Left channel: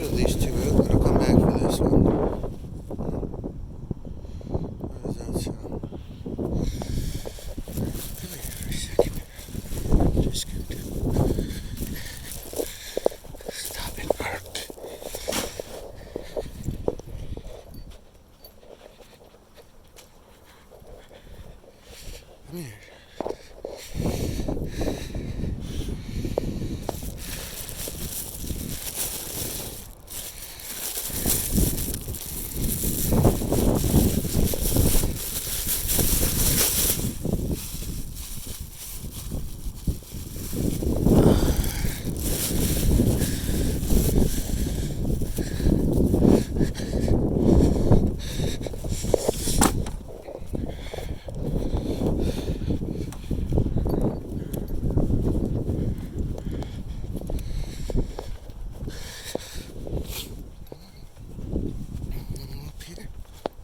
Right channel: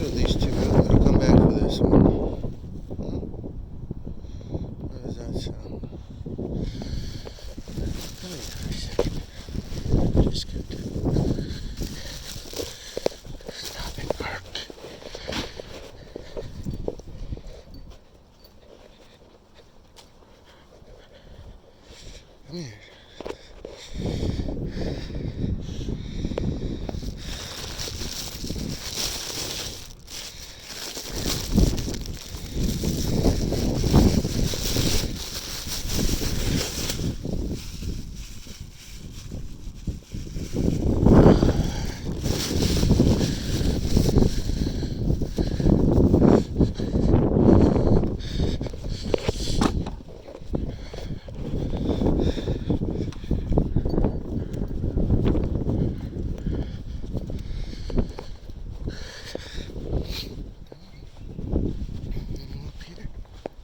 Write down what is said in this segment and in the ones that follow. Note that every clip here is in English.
So at least 2 minutes. I'll come back for this one. How does that sound? Come here for a second. Just stop it. Come here.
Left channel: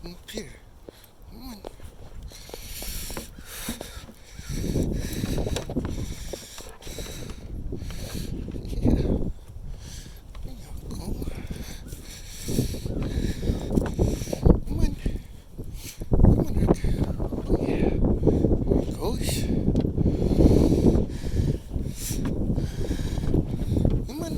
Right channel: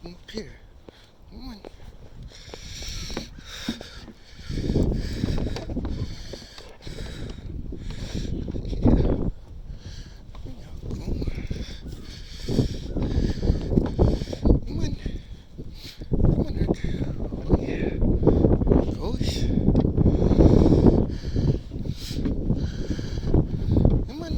Up here. Come on. Yeah. There you go. Come on. Come on, Rick. Oh, yeah. There it goes. Come on.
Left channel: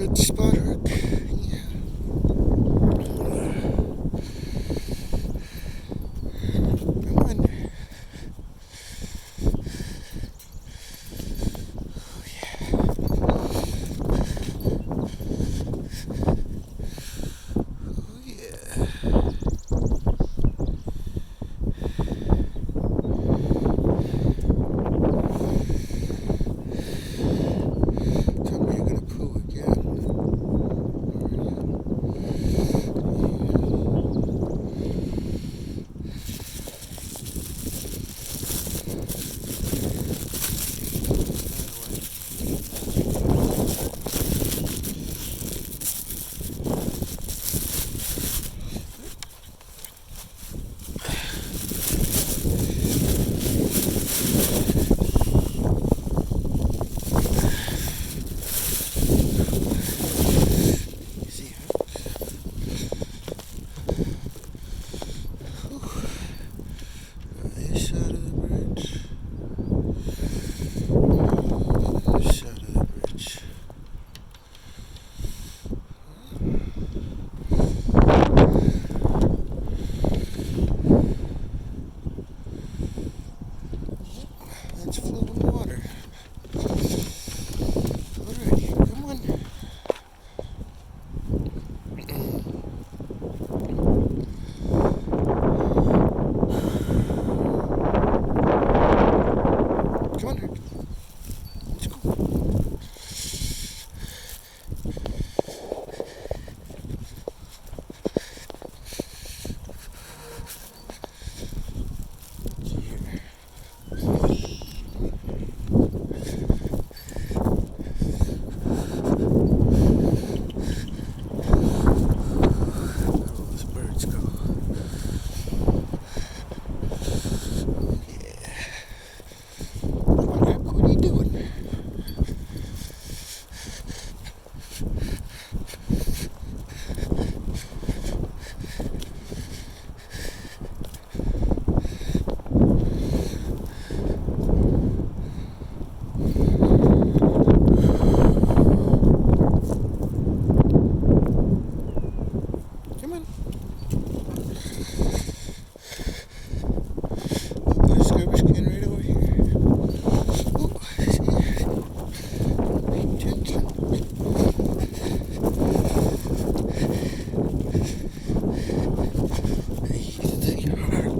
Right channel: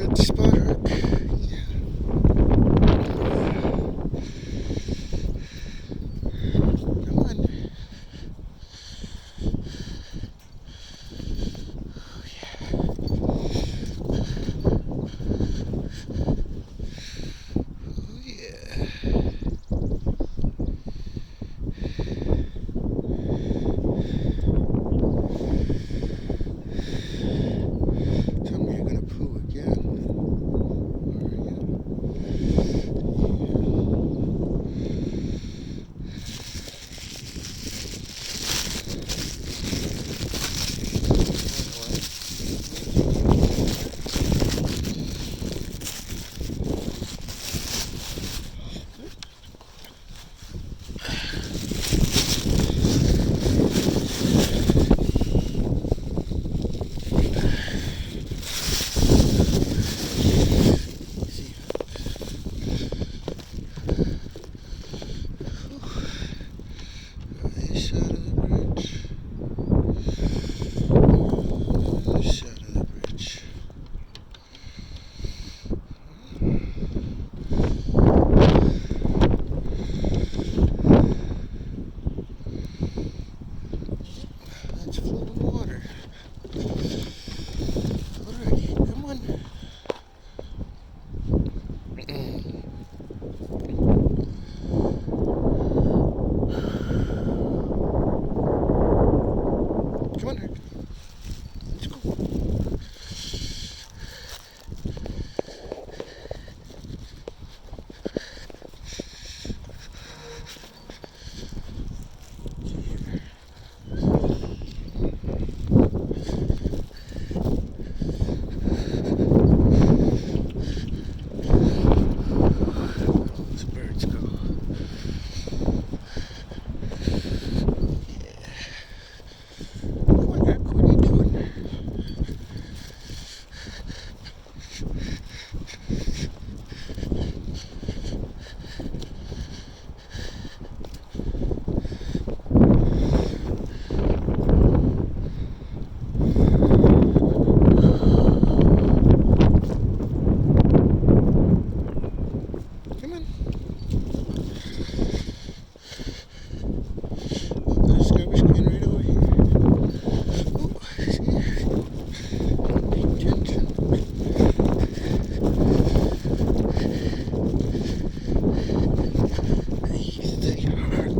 Good spot, Herc. Yeah. Come on. Oh, yeah. Tell me you're gonna poo again. Easy, huh? This side of the bridge. This side of the bridge. That's flowing water. Alright, come on. Come on, Rick. Let's go. Those birds go. Come on, Rick. What are you doing? Come on. There's garbage can right over here. Oh, the Herc.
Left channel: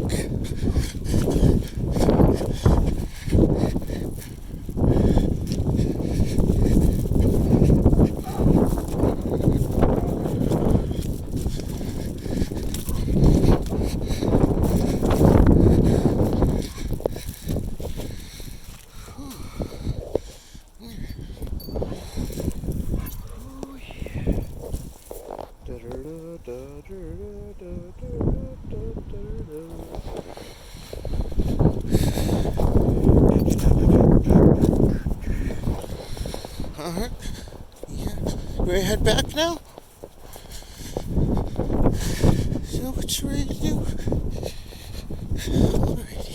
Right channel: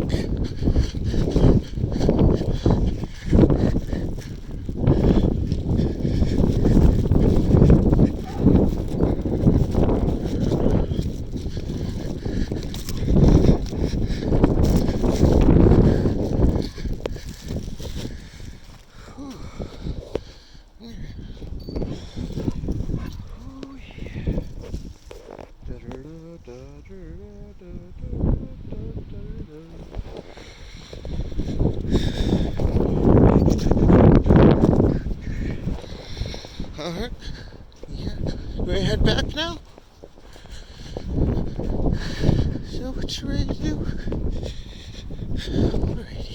Oh, yeah. Alright. Yeah. You ready to head back now? Is that what you're ready to do? Alright.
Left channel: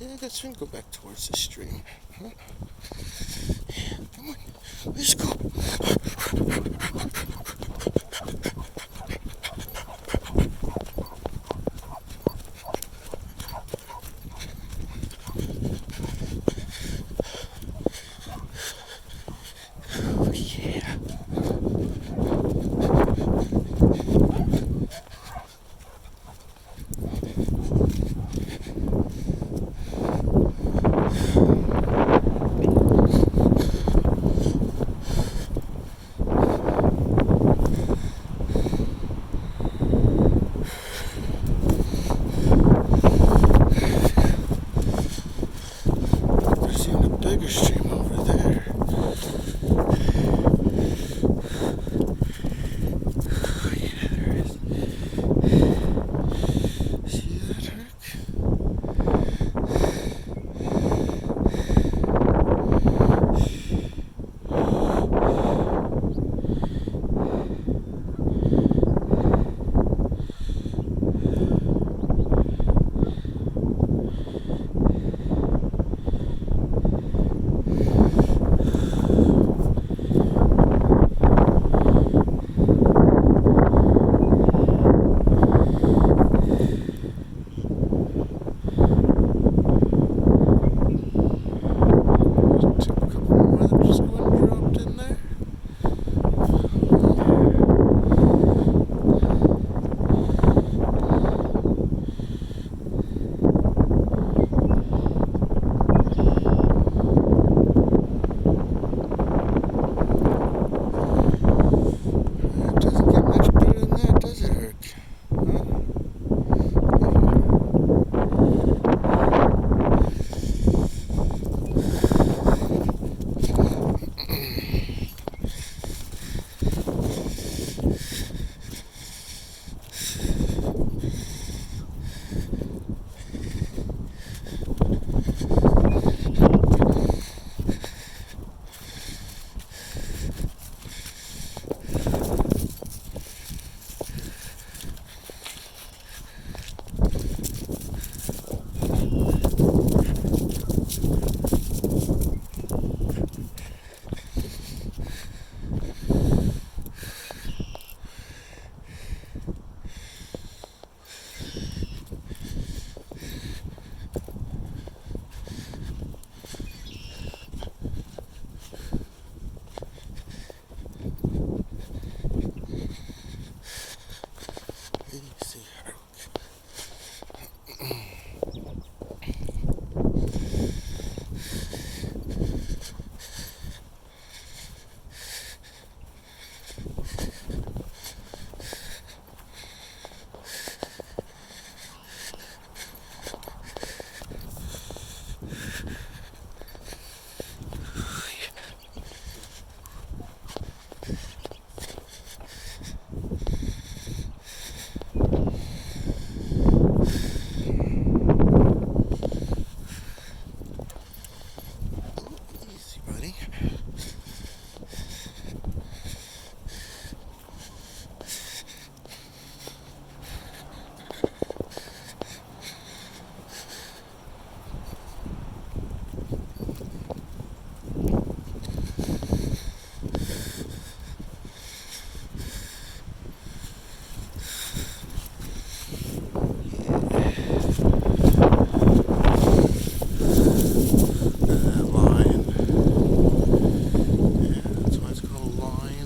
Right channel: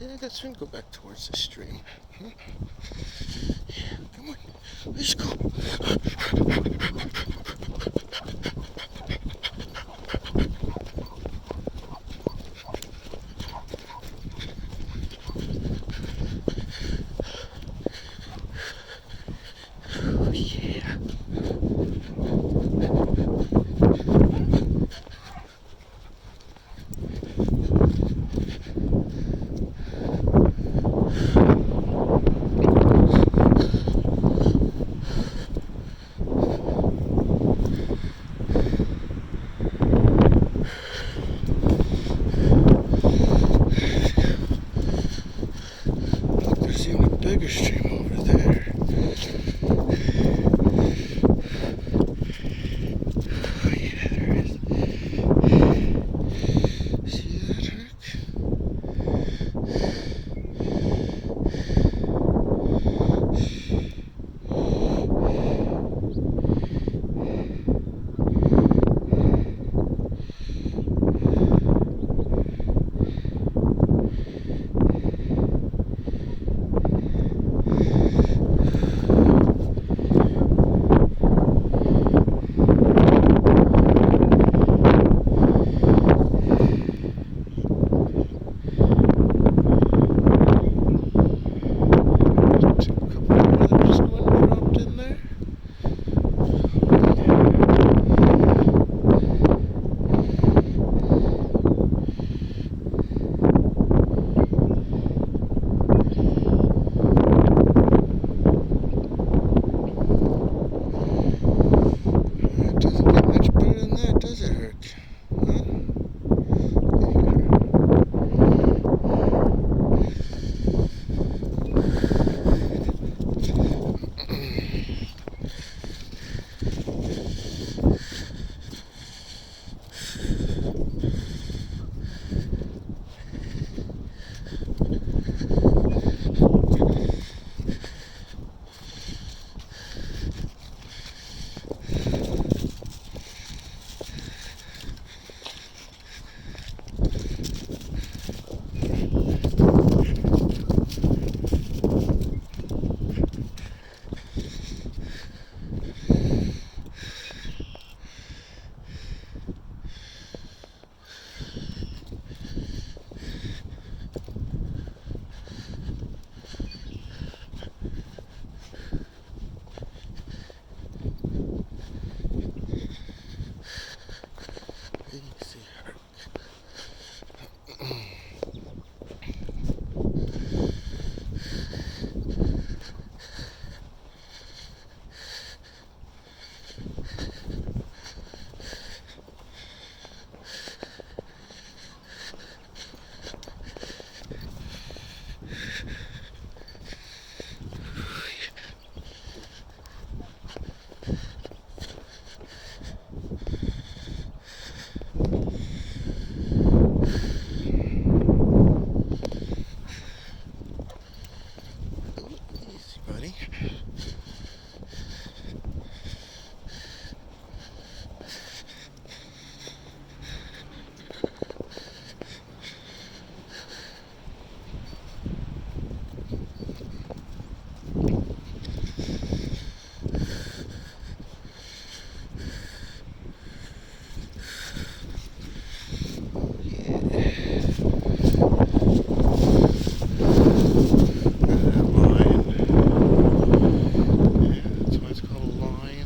Yeah, that's right. Go back towards the stream. Huh? Yeah, come on. Let's go. Oh, yeah.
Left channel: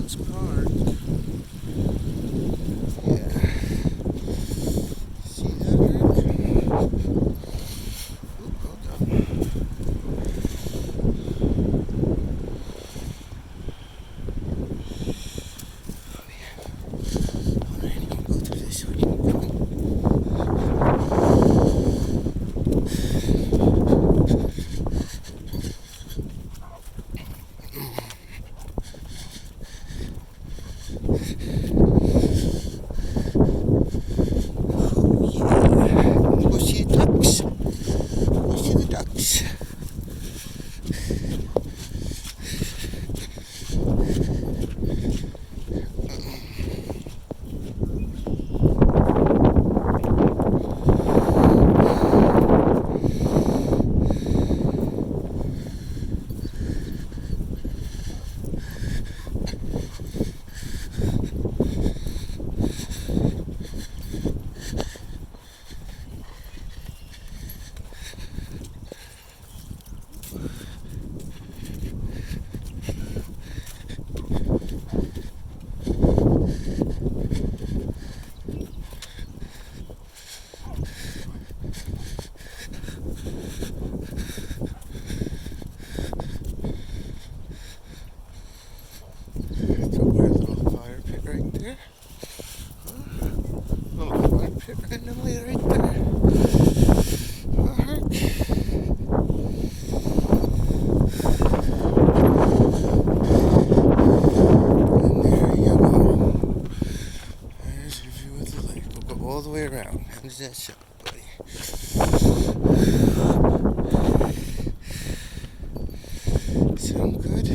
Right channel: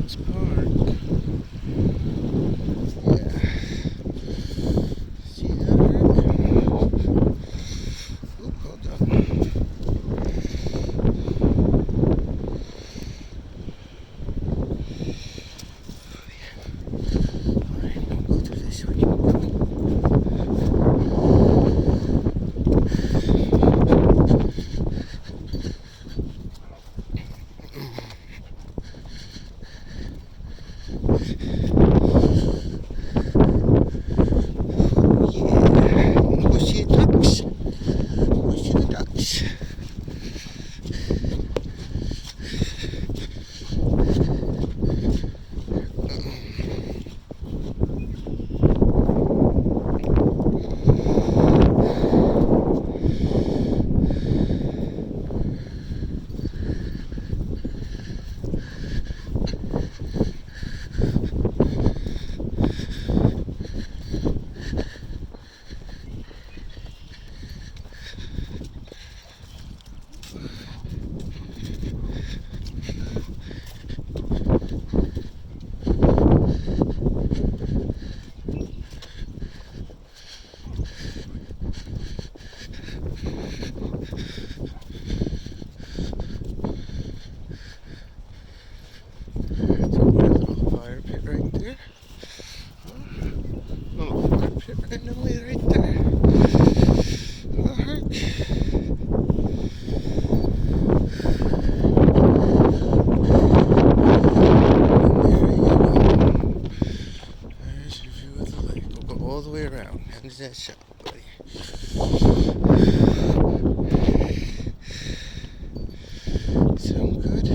Ducks Park. Yeah. See that, Herc? Oop, hold on. Alright, I'm gonna go through this way. Come on. Go see the ducks. Go see the ducks. Right there. Little fire pit randomly right there. Oh, Herc. There's your view of the lake. We'll go all the way around. How does that sound, buddy? Sound good?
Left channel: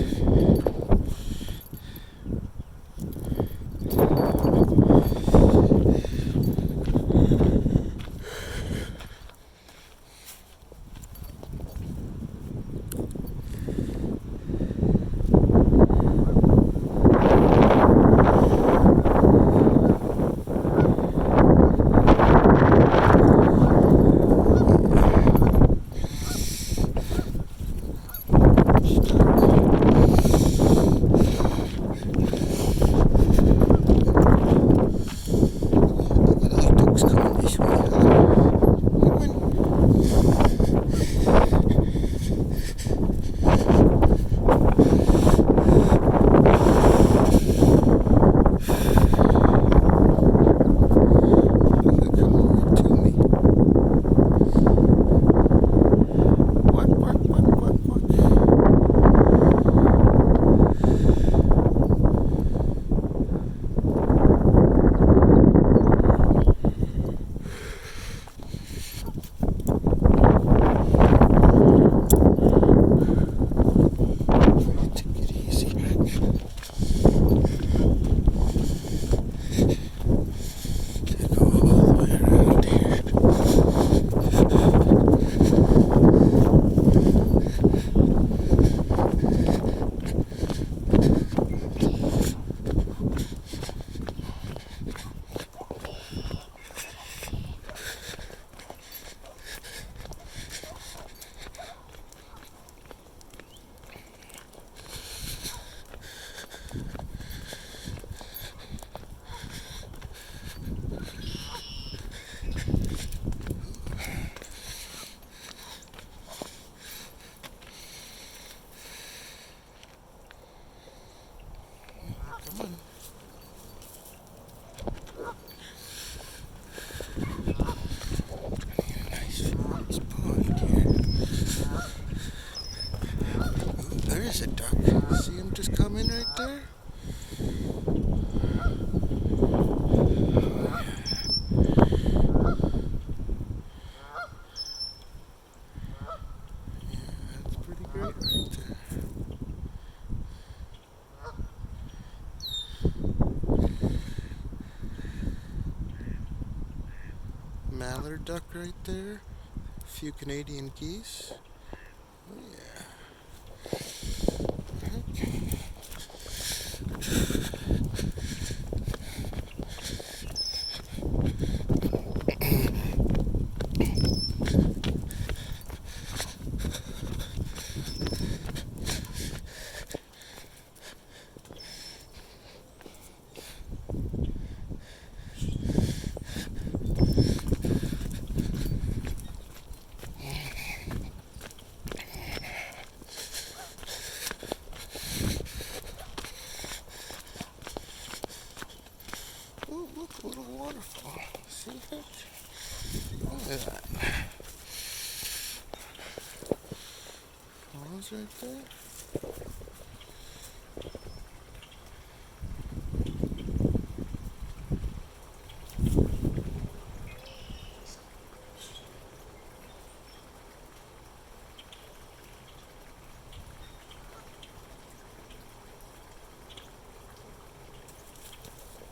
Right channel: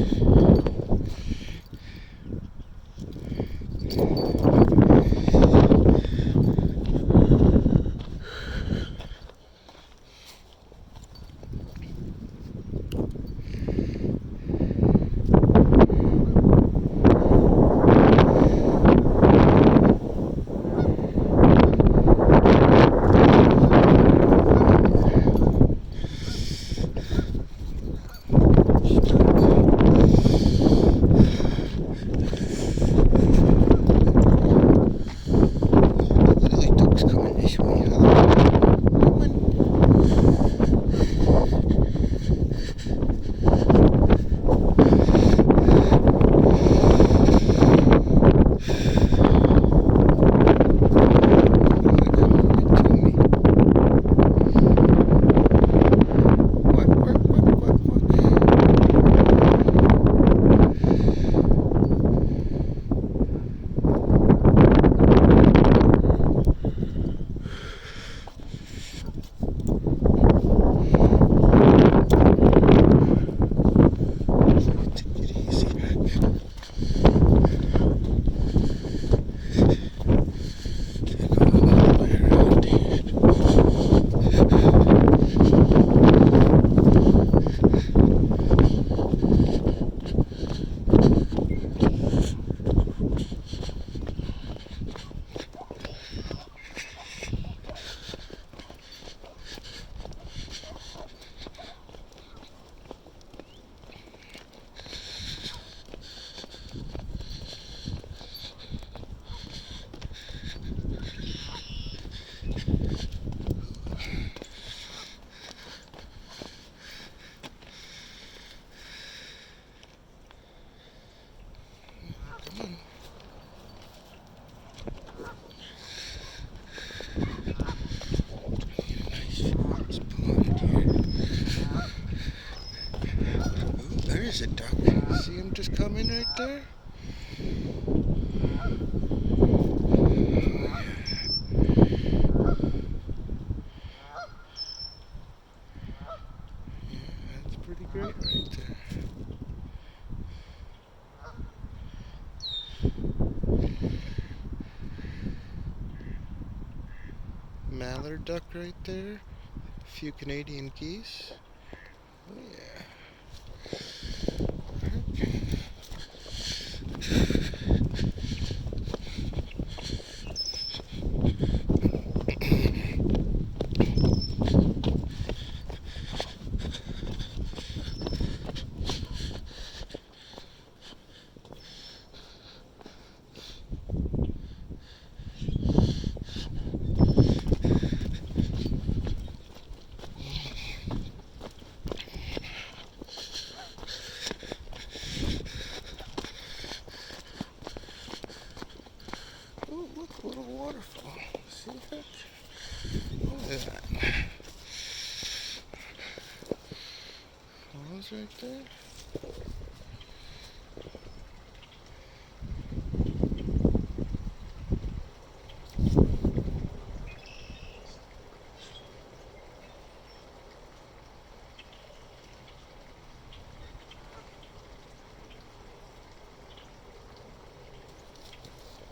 There's a duck. See him just come in right there? Yeah, that's pretty great right there. Mallard duck right there. A few Canadian geese. Oh yeah. a little waterfall. See that? Look at that. Falls right there.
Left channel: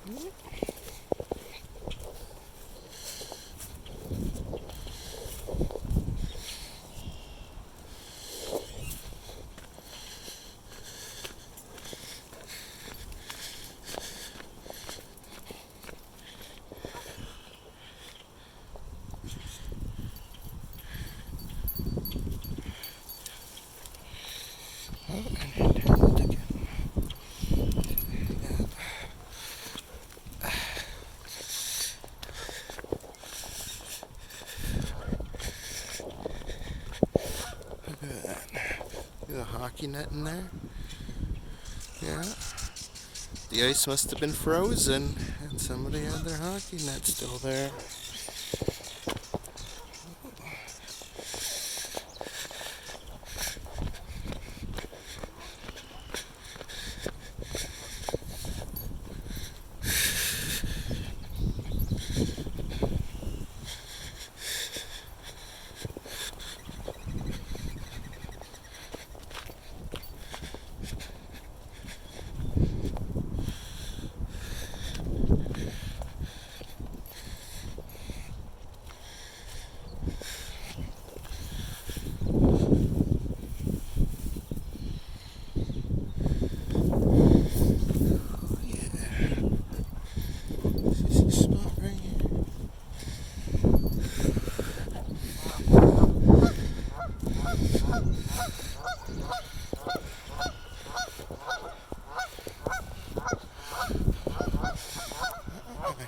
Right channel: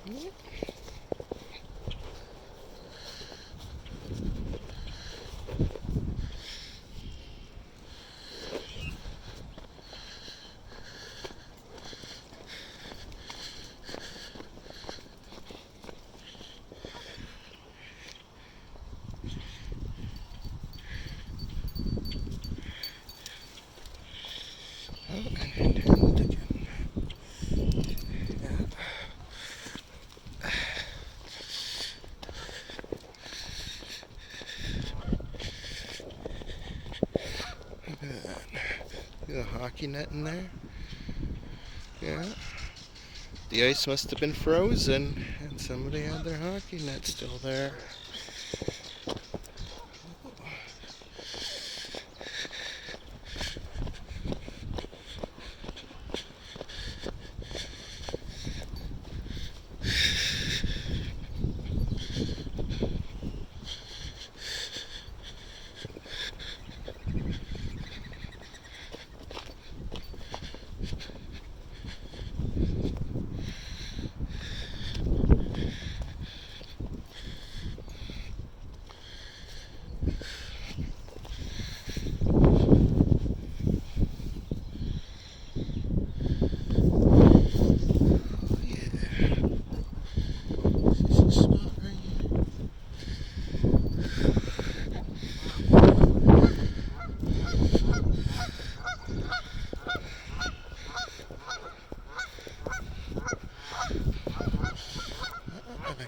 Yep. Oh, and again. Yeah. Look at that. There's a hockey net in there. Yeah. The ice must have been frozen and somebody had their hockey net still there.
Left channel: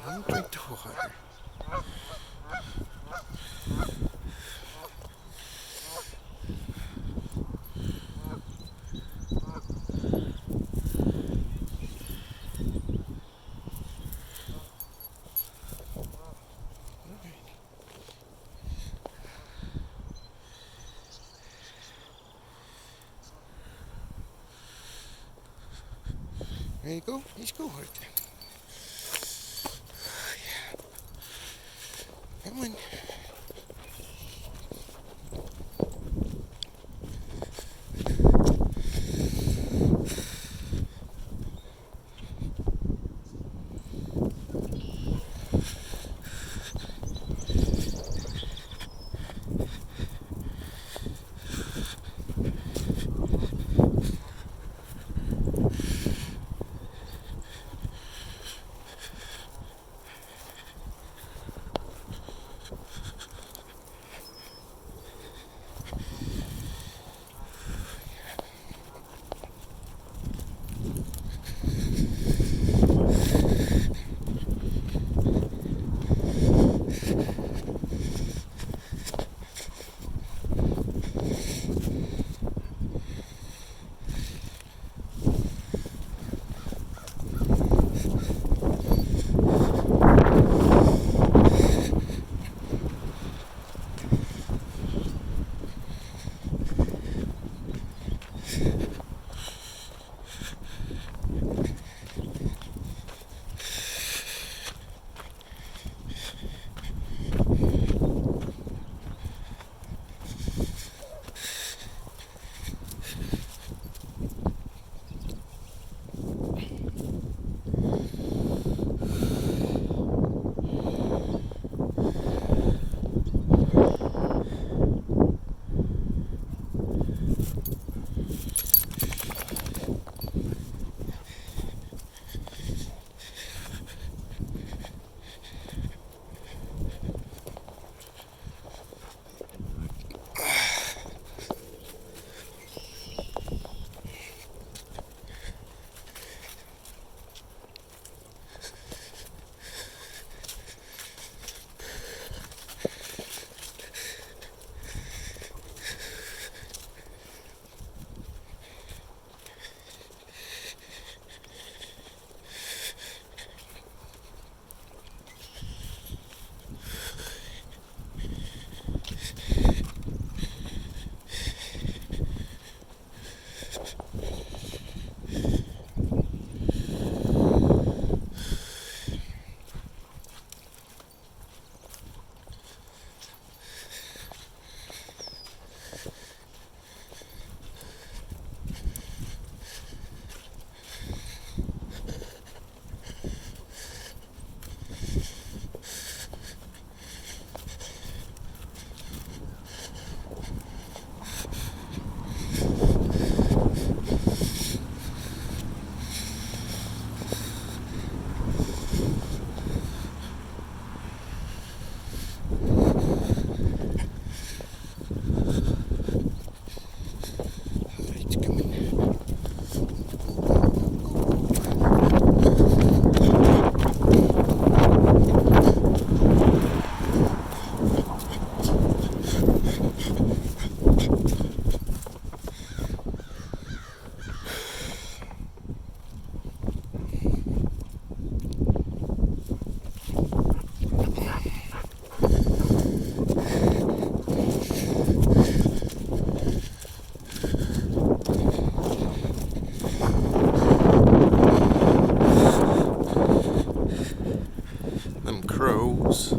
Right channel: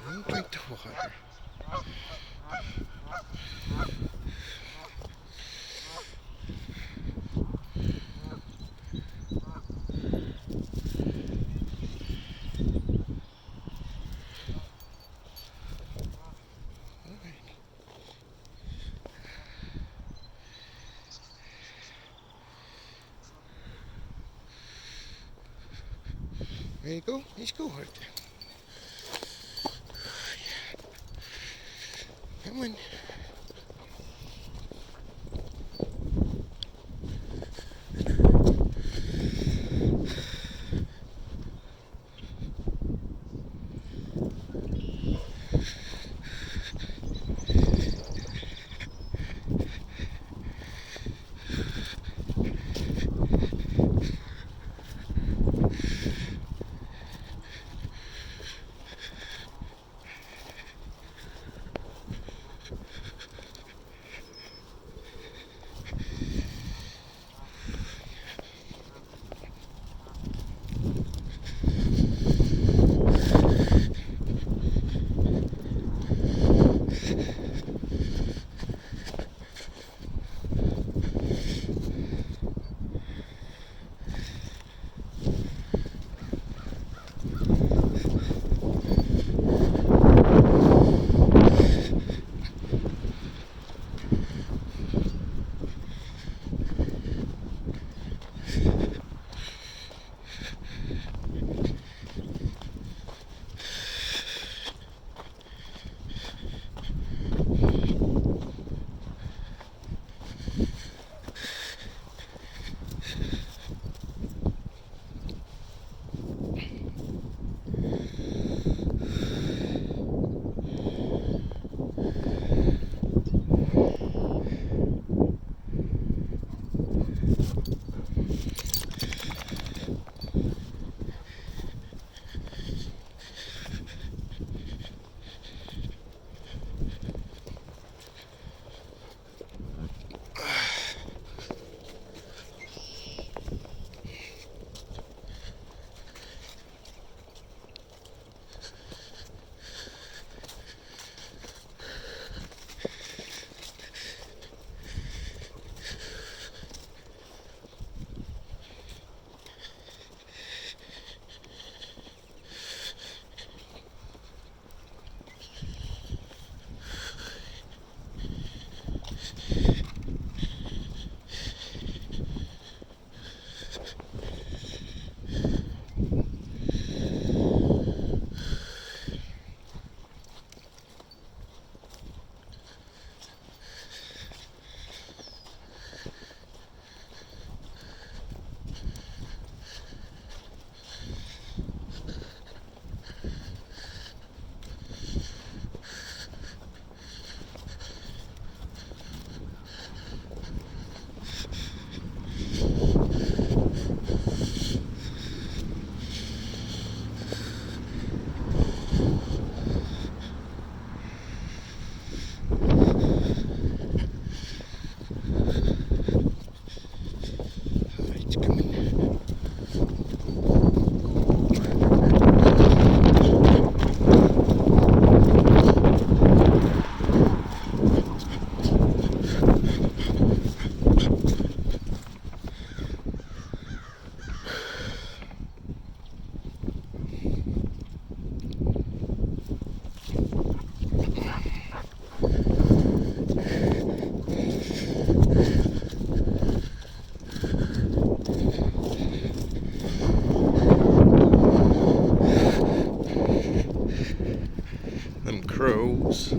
Don't drink the water. Okay. There you go. Let's go right there. Come on. crows.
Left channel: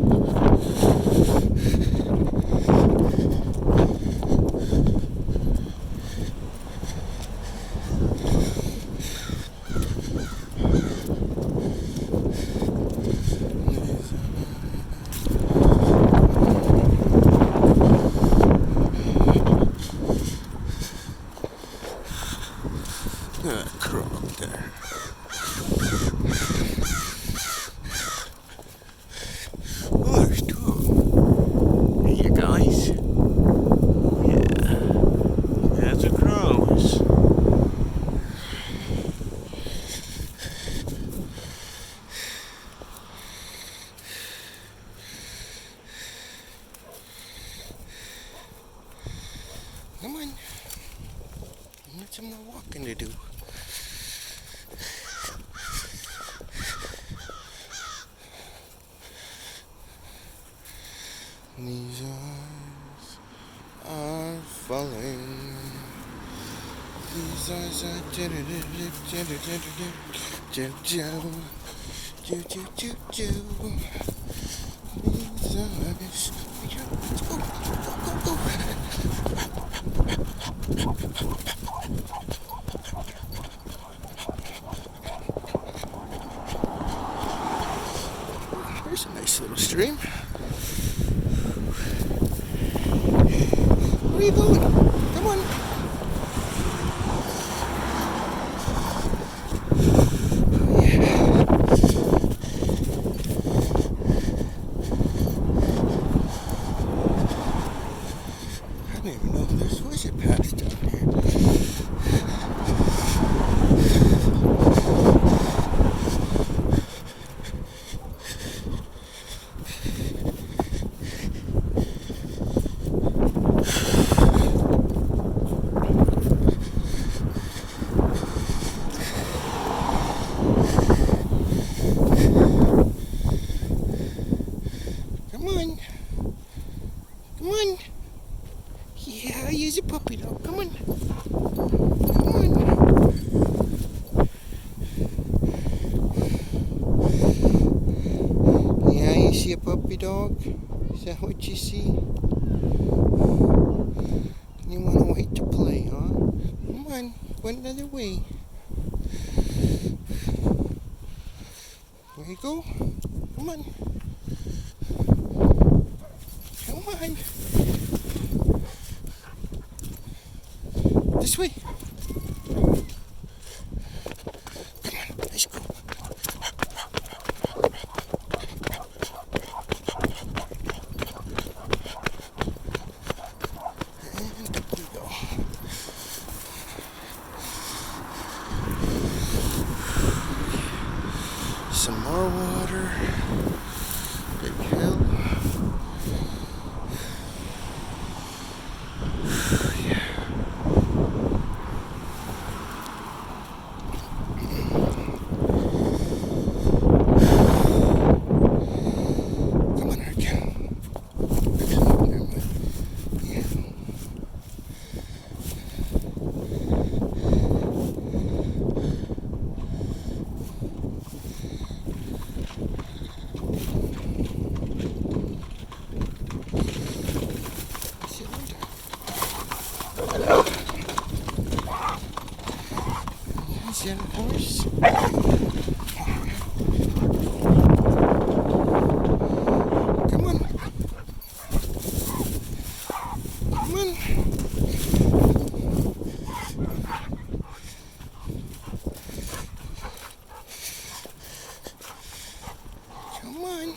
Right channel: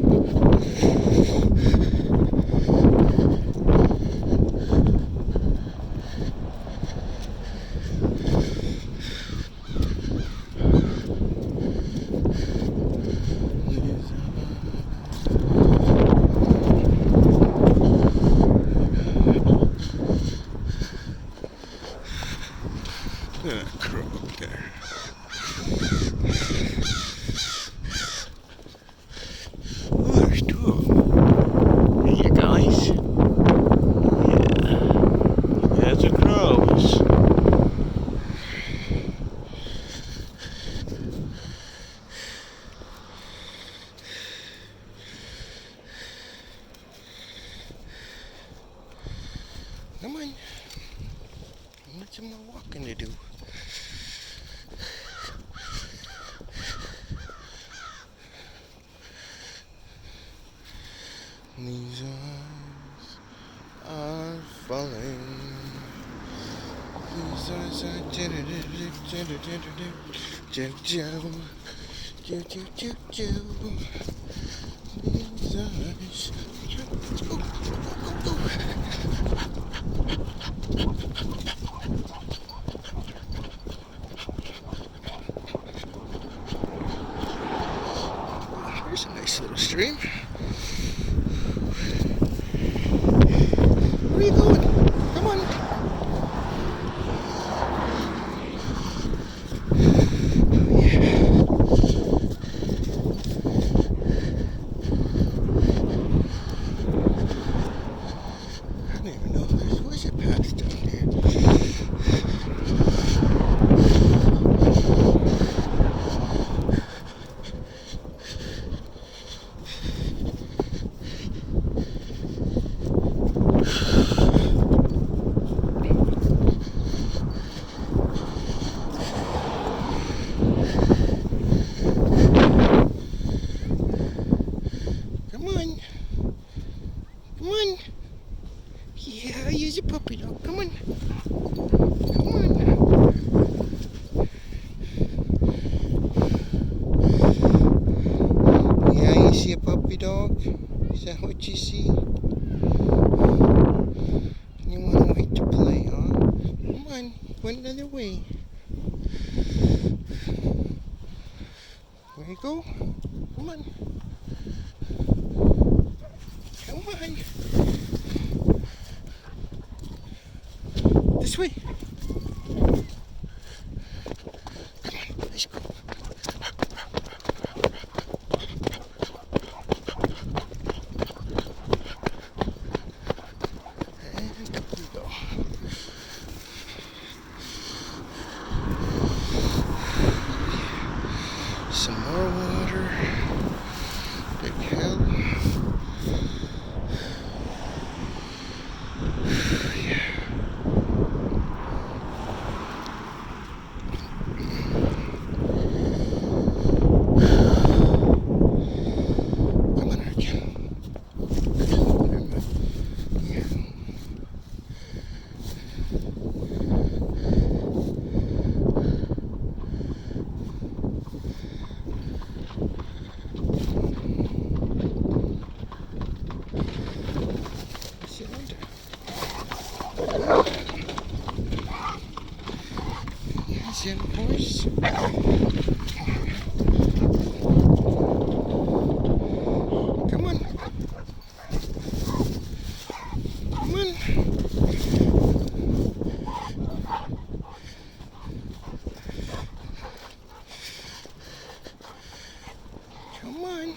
A crow up there. Oh, there's two of them. Hey, you guys. Yeah. There's the crows. Come on. I got some more walking to do. These eyes are falling. These eyes are these eyes. Let's go, go. There's a nice little stream. Where are you going? Come on. I didn't even know this was a path down here. Come on. Come on. Yeah, use a puppy dog. Come on. Come on. Yeah, you see a puppy dog? Is that what you see? You want to wait to play, huh? Come on. One another way. There you go. Come on. Come on. This way. Come on, let's go. And up we go. Some more water. Big hill. There's the horse. Come on. Come on. Come on.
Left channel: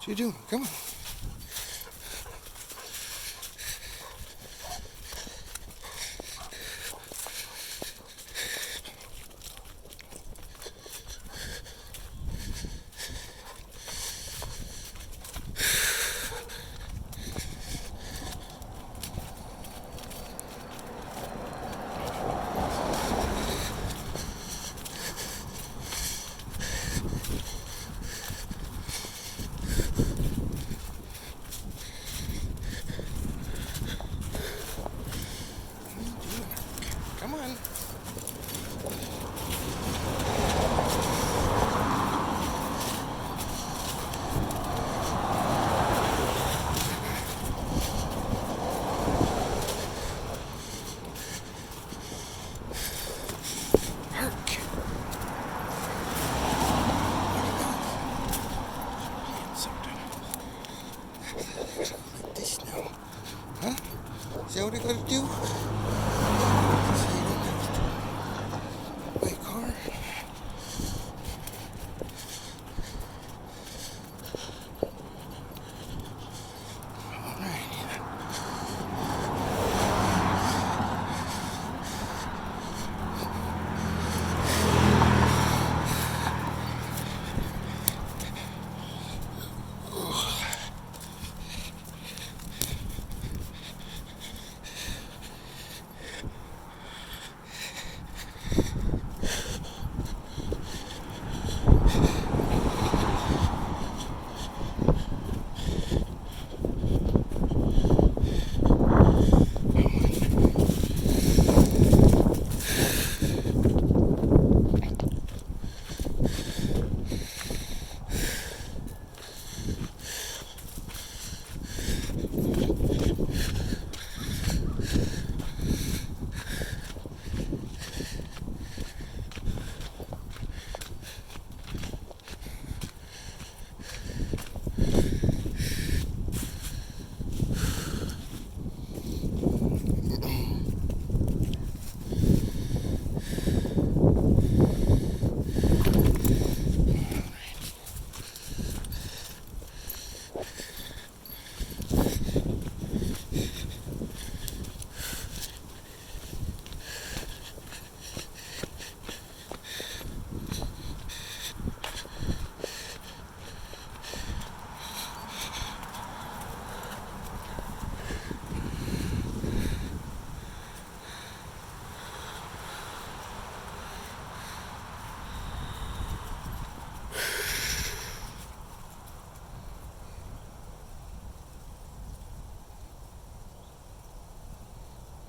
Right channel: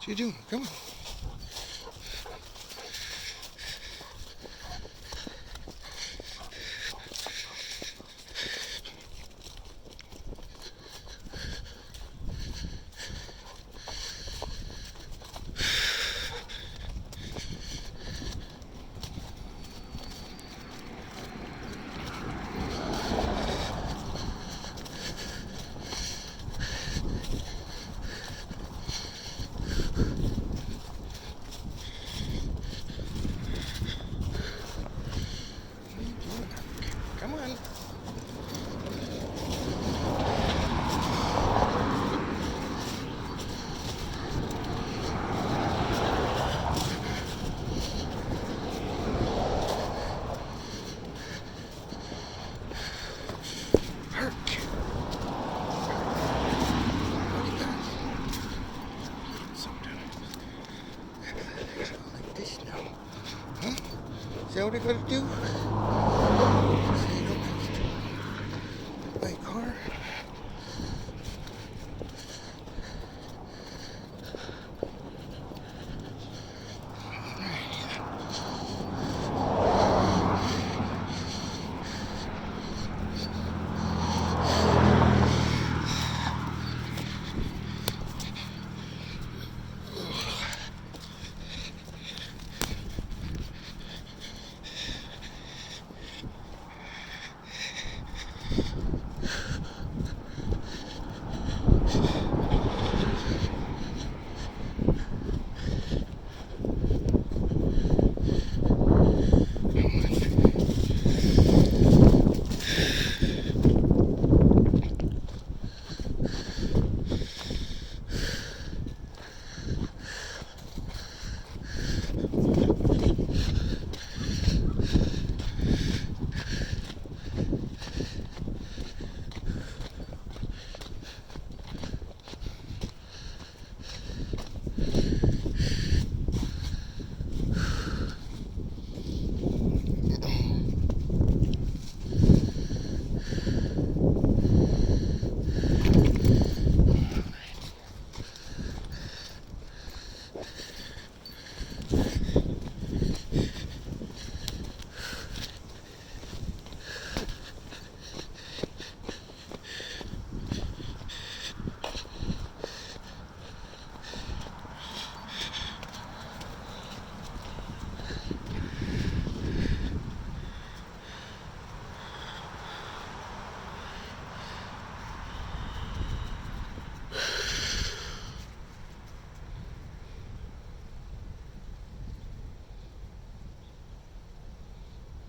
What you doing? Come on. Come on. Herc. What do you got? Sometimes. Like this now. Huh? Is that what I gotta do? So you don't have to buy a car?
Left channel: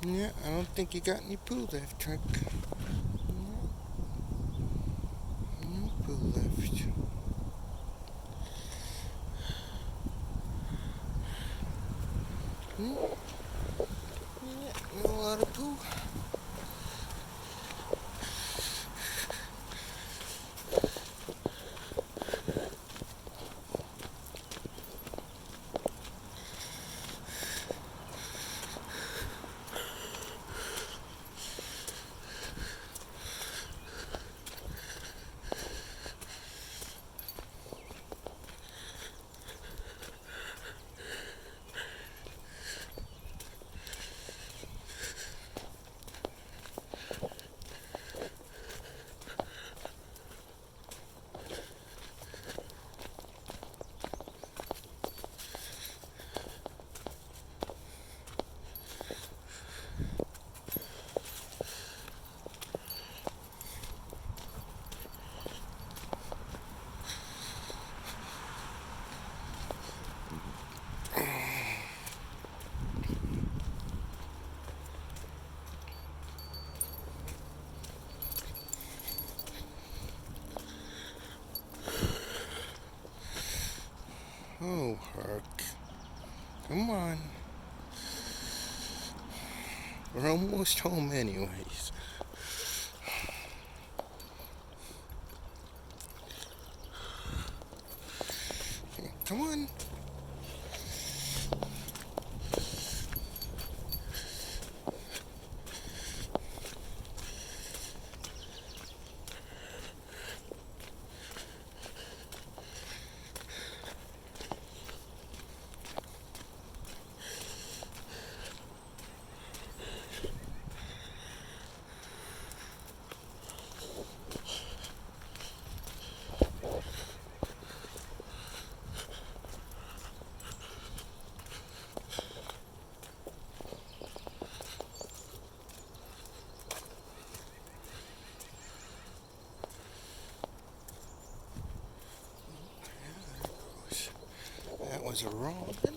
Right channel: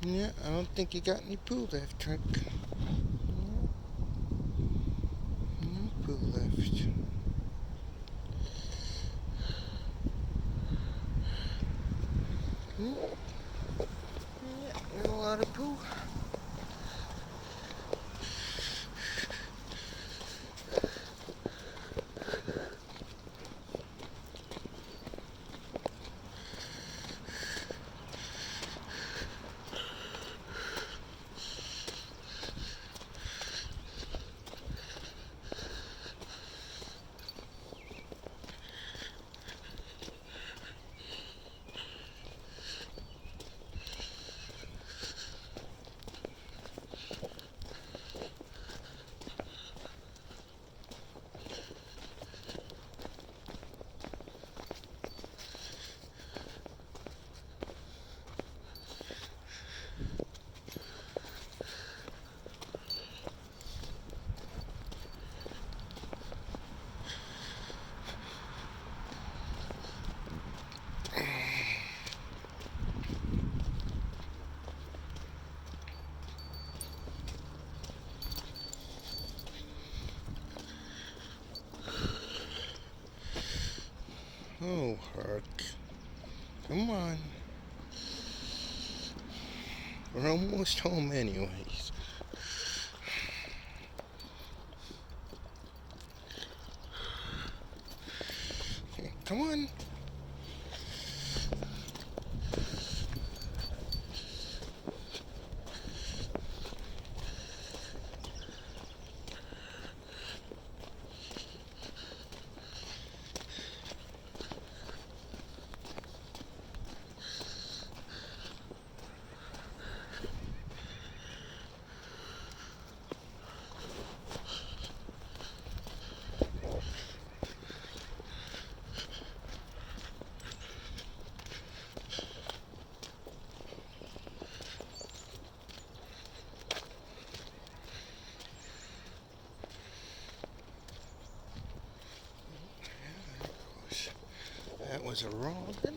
Yeah, I don't think you got any poo left, Herc. No poo left. Yeah, a lot of poo. Oh, Herc. Come on. We're almost home anyways. Okay, come on. That was a robin.